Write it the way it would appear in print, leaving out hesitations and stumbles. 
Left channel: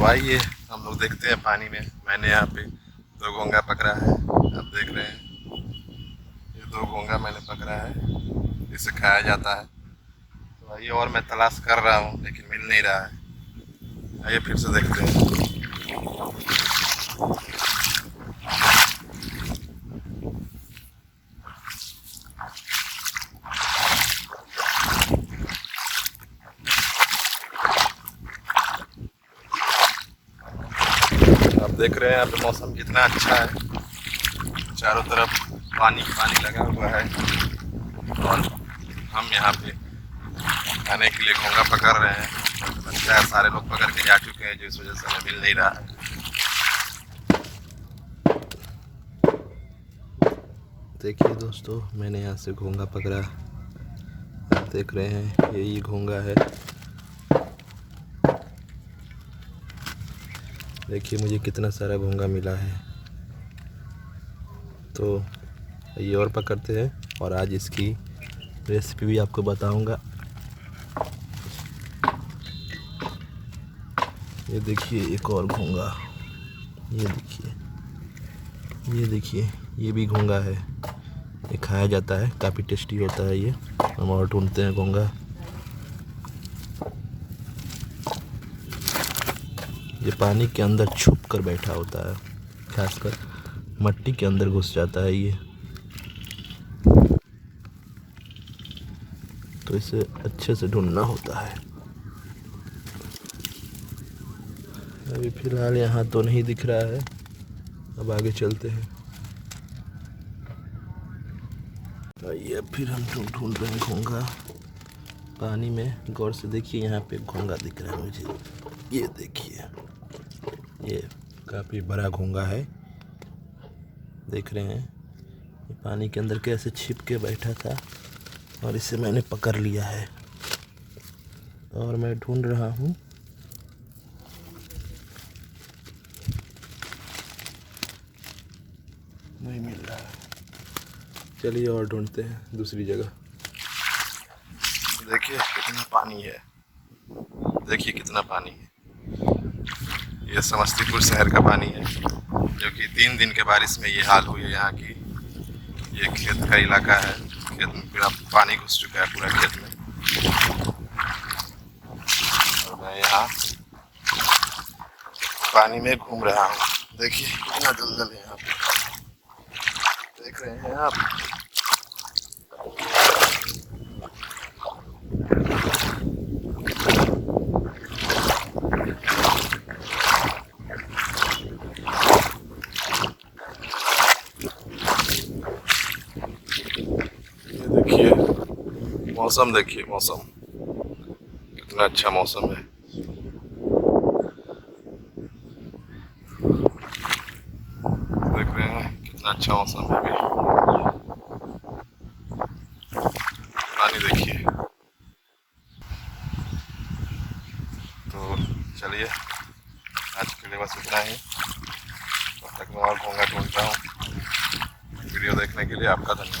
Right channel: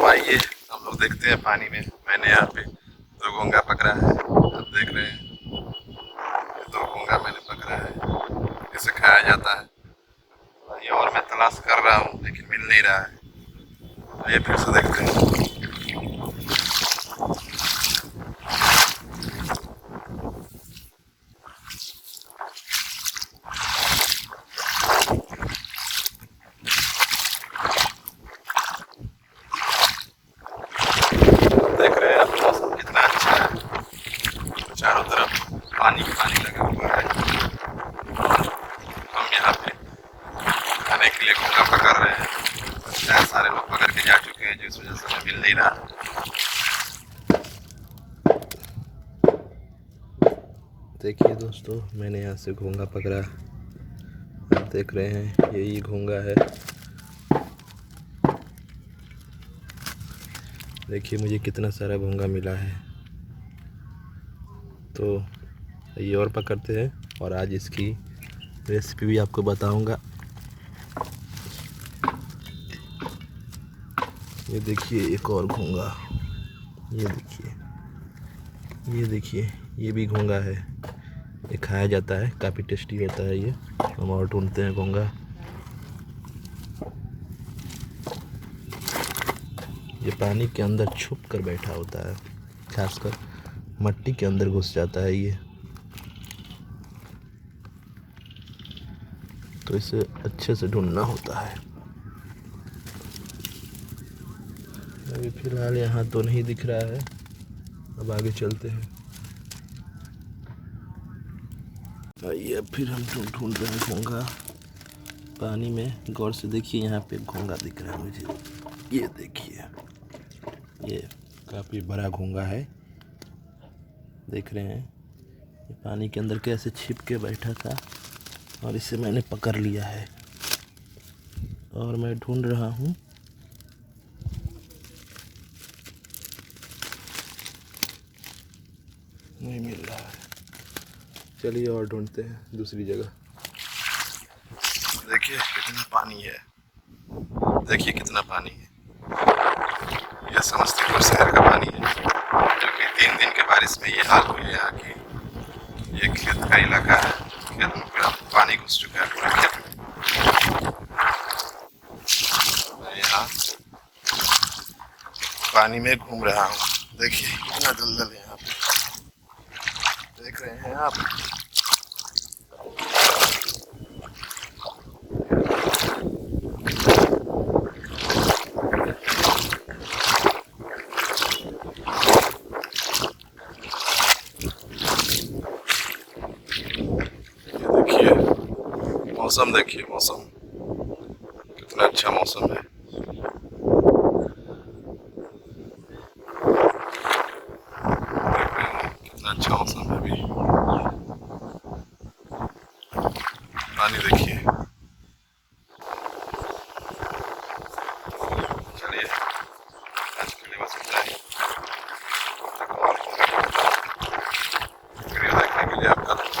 तो आइए हम लोग देखते हैं पानी में। मैंने यहाँ पे 2 घोंगा पकड़ा है, आप देख रहे हैं। ये 2 घोंगा मैंने पकड़ा है, इसे खाया जाता है। तो ये और मैं तलाश कर रहा हूँ लेकिन मिल नहीं रहा है। आइए फिर से देखते हैं। देख रहे हैं आप मौसम कितना अच्छा है, चारों तरफ पानी पानी लगा हुआ है और हम यहाँ पे खाने के लिए घोंगा पकड़ रहे हैं। अच्छा है, सारे लोग पकड़ के जा चुके हैं जिस वजह से हमें मिल नहीं रहा। देखिए दोस्तों, मैंने यहाँ से घोंगा पकड़ा, आप देख रहे हैं यही घोंगा है। देखिए मुझे कितना सारा घोंगा मिला है। तो ये और पकड़ते हैं और आज इसकी रेसिपी भी आपको बताऊंगा। ये देखिए एक और घोंगा, ये देखिए ये भी घोंगा है। ये खाया जाता है, काफ़ी टेस्टी होता है ये। हम और ढूंढते हैं घोंगा। ये पानी के अंदर छुप कर बैठा होता है, खासकर मट्टी के अंदर घुस जाता है ये। तो इसे अच्छे से ढूंढना होता है। अभी फिलहाल यहाँ तो नहीं दिख रहा है, अब आगे चलते हैं। ये फिर हम ढूंढ रहे हैं घोंगा पानी में। गौर से देखिए, यहाँ पे घोंगा दिख रहा है मुझे। ये देखिए, ये काफ़ी बड़ा घोंगा है, देख रहे हैं। ये पानी के अंदर कैसे छिप के बैठा था और इसे मैंने पकड़ लिया है और मैं ढूंढ रहा हूँ। नहीं मिल रहा है, चलिए और ढूंढते हैं दूसरी जगह। देखिए कितना पानी है, देखिए कितना पानी है। यह समस्तीपुर शहर का पानी है, क्योंकि 3 दिन के बारिश में ये हाल हुई है यहाँ की। ये खेत का इलाका है, खेत में पूरा पानी घुस चुका है पूरा खेत में। और मैं यहाँ पानी में घूम रहा हूँ। देखिए कितना दलदल है यहाँ पे, देख रहे हैं आप। देखिए मौसम, देखिए मौसम कितना अच्छा मौसम है। देख रहे हैं कितना अच्छा मौसम है। अभी पानी देखिए। तो चलिए आज के लिए बस इतना ही। और घूंगा करता हूँ। वीडियो देखने के लिए आपका धन्यवाद।